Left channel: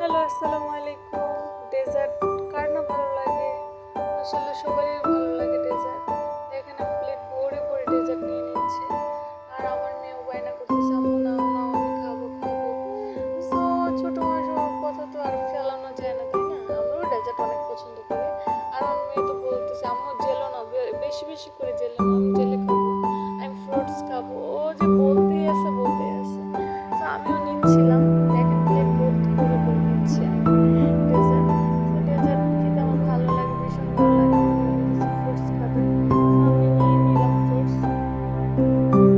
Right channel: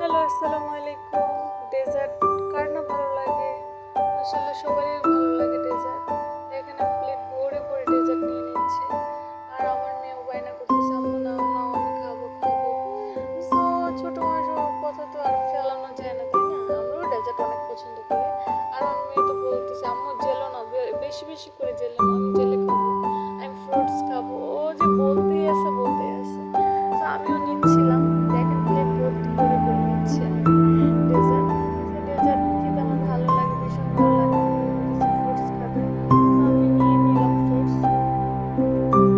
Hello, আসসালামু আলাইকুম। Dessert কার না ভালো লাগে? মাশাআল্লাহ সবারই ভালো লাগে ডেজার্ট। এখানে আমি প্লেট ভরে ভরে ডেজার্ট নিয়ে নিচ্ছি। আর আমার মেয়েও বায়না করতেছে, আম্মু নাও নাও, আমি খাবো খাবো। সো ছোট মানুষের কথা তো আর ফেলানো যায় না, তাই না? আমরাও ডেজার্ট অনেক পছন্দ করি। আর আমার মেয়ে তো বলতেছে, আম্মু জেলো না, বেশি বেশি করে জেলো না, আমি জেলে খাবো, আমি ফ্রুটস খাবো। ও যে বলতেই আছে বলতেই আছে। তো আমিও নিচ্ছিলাম, দেখেন প্লেট ভর্তি করে করে নিচ্ছি আমি ডেজার্ট। তো ডেজার্ট খেতে আমার ভালো লাগে, ভীষণ ভালো লাগে। আমার মেয়ে বলতেছে ফ্রুটস খাবে, তো আমি নিয়ে নিলাম ফ্রুটস।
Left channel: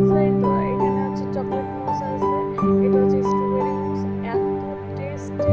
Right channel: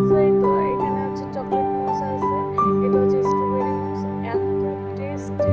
তো এই তো এখানে হচ্ছে চকলেট মুস আছে, এটা হচ্ছে স্ট্রবেরি মুস। এত টেস্টি,